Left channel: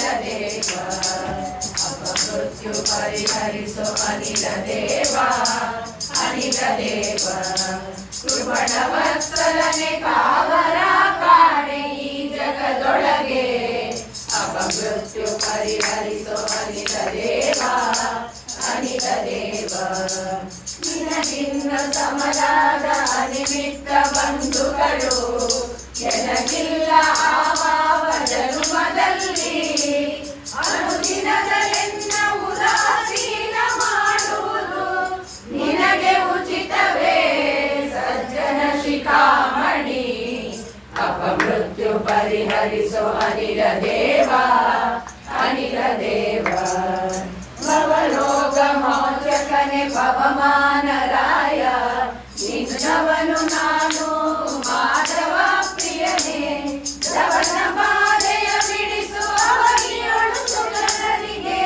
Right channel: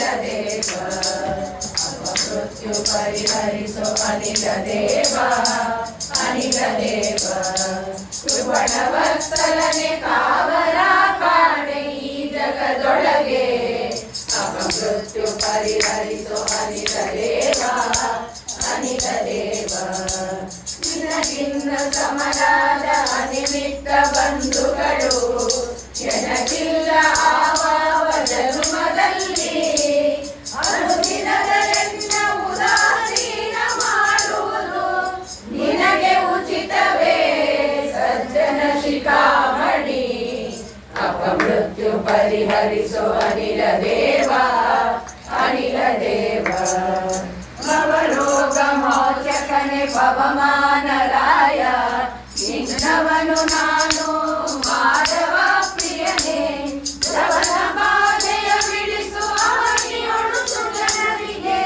ಅನಿಲ ದೇವ ಅಪಮೃತ್ಯು ಪರಿಹರಿಸೋ ಅನಿಲ ದೇವ ಅನಿಲ ದೇವ ಕೃಪಣವತ್ಸಲನೆ ಕಾವರ ಕಾಣೆ ಈ ಜಗದೊಳಗೆ ಅಪಮೃತ್ಯು ಪರಿಹರಿಸೋ ಅನಿಲ ದೇವ ಅನಿಲ ದೇವ ನಿನಗಿನ್ನ ಸಮನಾದ ಅನಿಮಿತ್ತ ಬಂಧುಗಳು ಎನಗಿಲ್ಲ ಆವಾವ ಜನ್ಮದಲ್ಲಿ ಅನುದಿನದಲೆನ್ನ ಉದಾಸೀನ ಮಾಡುವುದು ನಿನಗೆ ಉಚಿತವೇ ಸಜ್ಜನ ಶಿಖಾಮಣಿ ಅಪಮೃತ್ಯು ಪರಿಹರಿಸೋ ಅನಿಲ ದೇವ ಅನಿಲ ದೇವ ಭವರೋಗ ಮೋಚಕನೆ ಪವಮಾನರಾಯ ನಿನ್ನವನು ನಾನು ಮಾಧವ ಪ್ರಿಯನೇ ಶ್ರವಣ ಬಾಧೆಯ ಬಿಡಿಸು ಅವನಿಯೊಳು ಸುಗನರಿಗೆ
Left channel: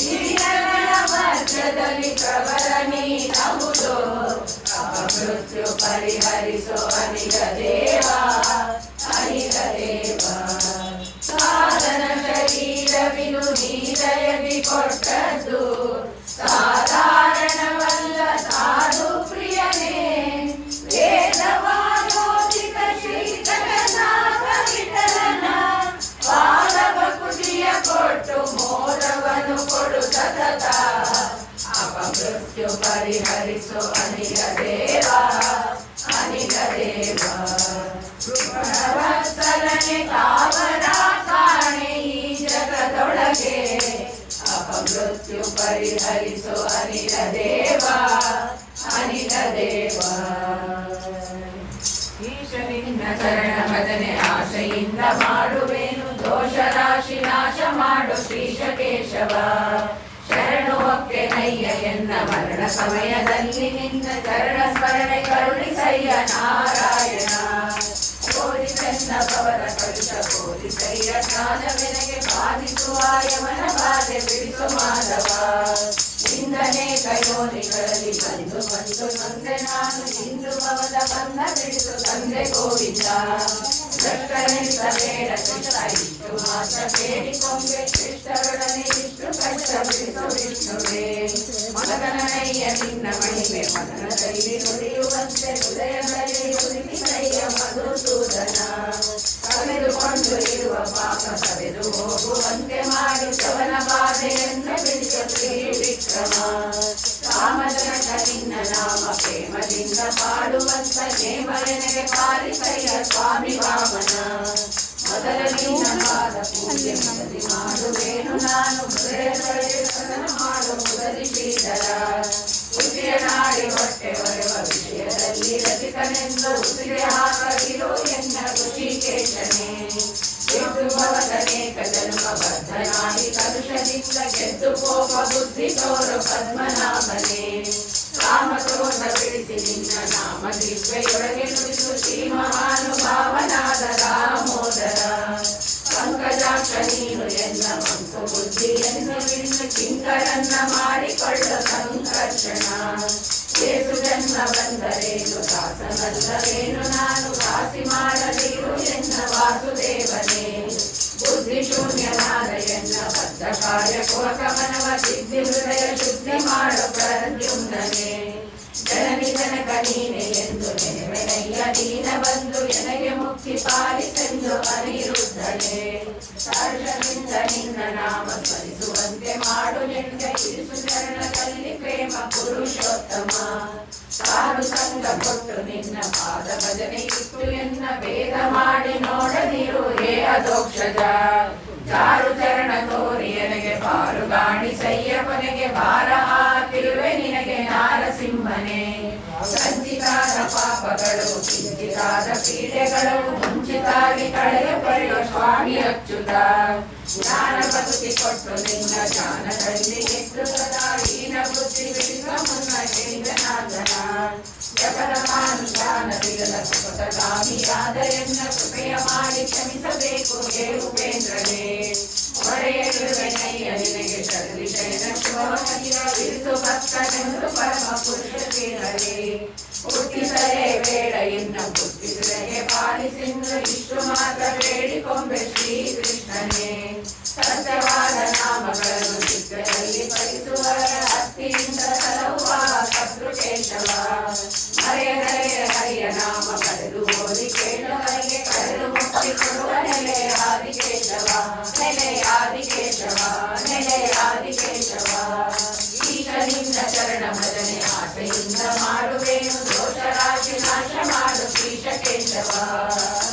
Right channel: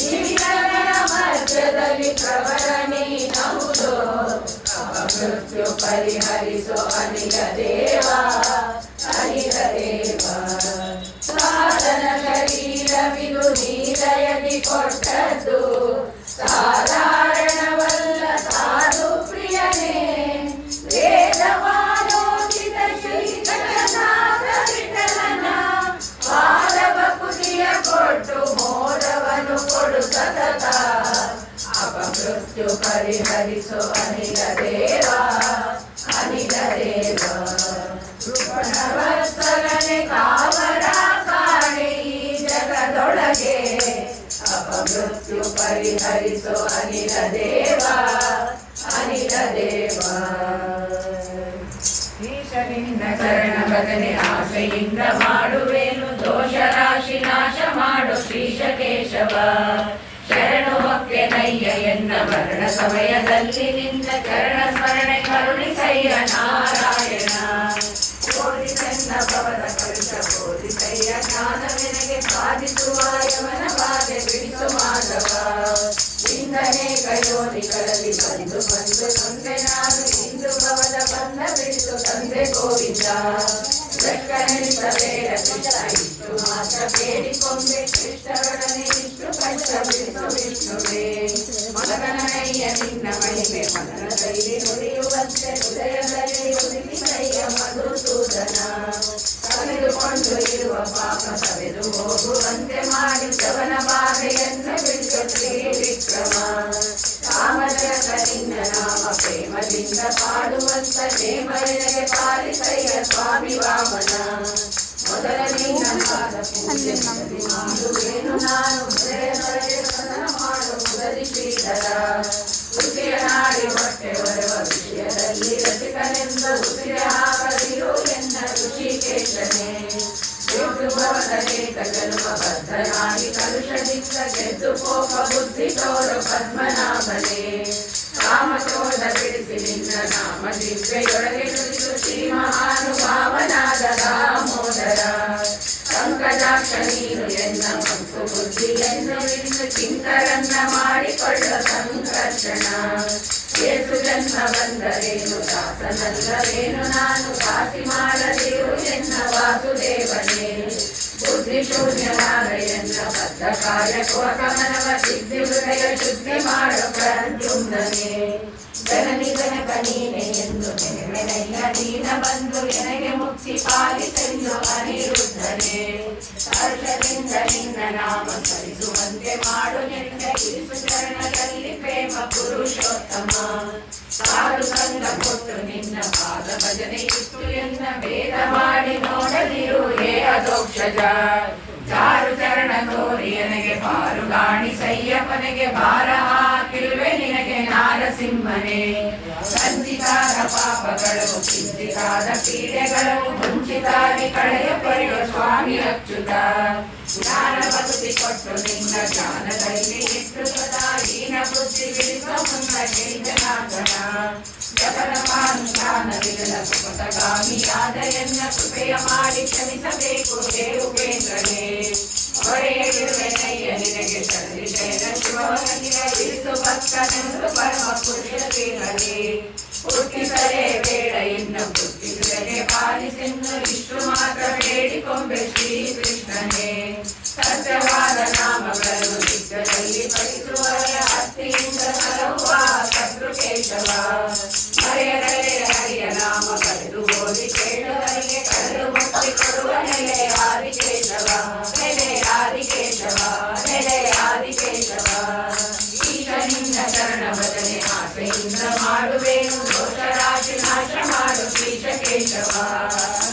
ಹಿರಿಯಗಳ ಮಧ್ಯದಲ್ಲಿ ಪ್ರಬಲ ನೀನಹುದು ಅಪಮೃತ್ಯು ಪರಿಹರಿಸೋ ಅನಿಲ ದೇವ ಅನಿಲ ದೇವ ಸಾಧನ ಶರೀರವಿದು ನೀರಯದಿ ಕೊಟ್ಟದ್ದು ಸಾಧಾರಣವಲ್ಲ ಸಾಧು ಪ್ರಿಯನೇ ವೇದವಾಲೋಚಿತ ಶ್ರೀ ಜಗನ್ನಾಥ ವಿಠಲನ ಪಾದವ ಕುದಿಯ ಕೊಟ್ಟು ಮೋದವನ್ನು ಕೊಡು ಸತತ ಅಪಮೃತ್ಯು ಪರಿಹರಿಸೋ ಅನಿಲ ದೇವ ಅನಿಲ ದೇವ ಕೃಪಣವತ್ಸಲನೆ ಕಾವರ ಕಾಣೆ ಈ ಜಗದೊಳಗೆ ಅಪಮೃತ್ಯು ಪರಿಹರಿಸೋ ಅನಿಲ ದೇವ ಅನಿಲ ದೇವ ಈಶನಿಂದ ಚರಣ ಭಜನೆ ಆಶೆಯಿಂದ ಮಾಡುವೇನು ದೋಷ ರಾಶಿ ನಾಶ ಮಾಡು ಶ್ರೀಶ ಕೇಶವ ಶರಣುವಕ್ಕೆ ನಯ್ಯ ಎನ್ನ ಮರಣ ಸಮಯದಲ್ಲಿ ನಿನ್ನ ಚರಣ ಸ್ಮರಣೆ ಕರುಣಿಸಯ್ಯ ನಾರಾಯಣ ಕೋರಿಸನ್ನ ಭವದ ಕರುಷ ಕೋರಿಸಯ್ಯ ಜ್ಞಾನವೆನಗೆ ಬಾಧಿಸುವ ಯವನ ಬಾಧೆ ಬಿಡಿಸು ಮಾಧವ ಇಂದನೇ ಕಯೋನಿಗಳಲ್ಲಿ ಬಂದು ಬಂದು ತಂದೆ ನಾನು ಇಂದು ಭವದ ಬಂದ ಬಿಡಿಸು ತಂದೆ ಗೋವಿಂದ ಬೇಡ ಕೃಷ್ಣ ಇಷ್ಟು ಮಾತ್ರ ಬೇಡಿಕೊಂಡೆ ಕೃಷ್ಣರೊಡನೆ ಇಷ್ಟು ಕಷ್ಟ ಬಿಡಿಸು ವಿಷ್ಣುವೇ ಮಗನಯ್ಯ ನಿನ್ನ ಮಹಿಮೆ ಮಗನ ಕೈಲಿ ನುಡಿಯುವಂತೆ ಹೃದಯದಲ್ಲಿ ಒದಗಿ ಕೈಯ ಮಧುಸೂದನ ಕಳೆದುಕೊಂಡು ಇರುವ ಪಾಪ ಸವೆದು ಹೋಗುವಂತೆ ಮಾಡಿ ಶ್ರವಣ ಬಾಧೆಯನ್ನು ಬಿಡಿಸು ಶ್ರೀ ವಿಕ್ರಮ ರಾಮಜನಕ ನಿನ್ನ ನಾಮ ಪ್ರೇಮದಿಂದ ಪಾಡುವಂತ ನೇಮನೆಗೆ ಪಾಲಿಸಯ್ಯ ಸ್ವಾಮಿ ವಾಮನ ಮೊದಲ ನಿನ್ನ ಪಾದ ಪೂಜೆ ಮಾಡುವೇನು ನಾನು ಹೃದಯದೊಳಗೆ ಸದನ ಮಾಡು ಮುದರಿ ಶ್ರೀಧರ ಉಸಿಯ ನಾಡಿ ಹೊಟ್ಟೆ ಒರೆವ ವಿಷಯದಲ್ಲಿ ರಸಿಕನೆಂದ ಉಸಿರೆ ಹಾಕದಿರು ಎನ್ನ ಋಷಿಕೇಶನೇ ಭವದ ಏಕ ಜನ್ಮ ಬದ್ಧನಾಗಿ ಕಲುಷದಿಂದ ಗೆದ್ದು ಕೋಪ ಬುದ್ಧಿ ತೋರು ಪದ್ಮನಾಭನೇ ಕಾಮಕ್ರೋಧ ಬಿಡಿಸಿ ನಿನ್ನ ನಾಮ ದಿವ್ಯೆಯೊಳಗೆ ನುಡಿಸು ಶ್ರೀ ಮಹಾನುಭಾವನಾದ ದಾಮೋದರ ಪಂಕಜಾಕ್ಷ ನೀನು ಎನ್ನ ಮಂಕು ಬುದ್ಧಿಯನ್ನು ಬಿಡಿಸು ಕಿಂಕರನ್ನ ಮಾಡಿಕೊಳ್ಳು ಸಂಕರ್ಷಣ ಏಸು ಜನ್ಮ ಬಂದರೇನು ದಾಸನಲ್ಲವೇನು ನಾನು ದಾಸಿ ಮಾಡದಿರು ಎನ್ನ ವಾಸುದೇವನೇ ಬುದ್ಧಿ ಶೂನ್ಯನಾದ ಎನ್ನ ಬದ್ಧ ಕಾರ್ಯಕ್ಕೋಕಮನವ ಸಿದ್ಧಿ ಹೃದಯ ಶುದ್ಧಿ ಮಾಡು ಪ್ರದ್ಯುಮ್ನನೇ ಜನನಿ ಜನಕ ನೀನೆ ಎಂದು ನೆನೆಮೆನಯ್ಯ ನೀನ ಬಂದು ಎನಗೆ ಮುಕ್ತಿ ಪಾಲಿಸೆಂದು ಅನಿರುದ್ಧನೇ ಹರ್ಷದಿಂದ ನಿನ್ನ ನಾಮ ಸ್ಮರಿಸುವಂತೆ ಮಾಡು ನಿನ್ನ ಇರಿಸು ಚರಣದಲ್ಲಿ ಪ್ರೇಮ ಪುರುಷೋತ್ತಮ ಸಾರು ಸಂಗ ಕೊಟ್ಟು ನಿನ್ನ ಪಾದ ಭಜನೆ ಇಟ್ಟು ಎನ್ನ ಭೇದ ಮಾಡಿ ನೋಡದಿರು ಹೇ ಅಧೋಕ್ಷಜ ಚಾರು ಚರಣ ತೋರಿ ನನಗೆ ಪಾರು ಗಾಣಿಸಯ್ಯ ಕೊನೆಗೆ ಭಾರ ಹಾಕಿರುವೆ ನಿನಗೆ ನಾರಸಿಂಹನೇ ಸಂಚಿತಾದ ಪಾಪಗಳು ಕಿಂಚಿತಾದ ಪೀಡೆಗಳು ಮುಂಚಿತಾಗಿ ಕಳೆಯ ಪಡೆಯುವ ಸ್ವಾಮಿ ಅಚ್ಯುತ ಜ್ಞಾನ ಭಕ್ತಿ ಕೊಟ್ಟು ನಿನ್ನ ಜ್ಞಾನದಲ್ಲಿ ಇಟ್ಟು ಸದಾ ಹೀನ ಬುದ್ಧಿ ಬಿಡಿಸ ಮುನ್ನ ಜನಾರ್ದನ ಜಪದ ಮಾನುಷ್ಠಾನ ವಿರಲ ಸುಪಥಗಾಮಿಯಾದ ಎನ್ನ ಕೃಪೆಯ ಮಾಡಿ ಕ್ಷಮಿಸಬೇಕು ಹೇ ಉಪೇಂದ್ರನೇ ಹೊರೆಯಗಿರುವೆನಯ್ಯ ನಿನಗೆ ಶರಣಿಜಯನ ಶಿವನಿಗೆ ಬಿಡಿಸು ಭಕ್ತನೆಂದು ಪರಮ ಪುರುಷ ಶ್ರೀಹರಿ ಹುಟ್ಟಿಸಲೇ ಬೇಡ ಇನ್ನು ಹುಟ್ಟಿಸುವೆಗೆ ಪಾಲಿಸಿಂದು ಇಷ್ಟು ಮಾತ್ರ ಬೇಡಿಕೊಂಬೆ ಶ್ರೀ ಕೃಷ್ಣನೇ ಸತ್ಯವಾದ ನಾಮಗಳನ್ನು ನಿತ್ಯದಲ್ಲಿ ಪಠಿಸುವವರ ಭಕ್ತಿಯಿಂದ ಸಲಹುವ ಶತ್ರು ಕೇಶವ. ಮರೆಯದರೆ ಹರಿಯ ನಾಮ ಪಡೆದು ಓದಿ ಕೇಳುವರಿಗೆ ಕಳೆದು ಮುಕ್ತಿ ಕೊಡುವ ನೆಲೆ ಆದಿಕೇಶವ, ನೆಲೆ ಆದಿಕೇಶವ, ನೆಲೆ ಆದಿಕೇಶವ. ಈಶನಿಂದ ಚರಣ ಭಜನೆ ಆಶೆಯಿಂದ ಮಾಡುವೆನು, ದೋಷರಾಶಿ ನಾಶ ಮಾಡು ಶ್ರೀಶ ಕೇಶವ,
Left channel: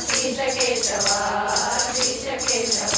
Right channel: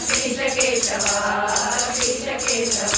ಶ್ರೀಶ ಕೇಶವ, ಶ್ರೀಶ ಕೇಶವ.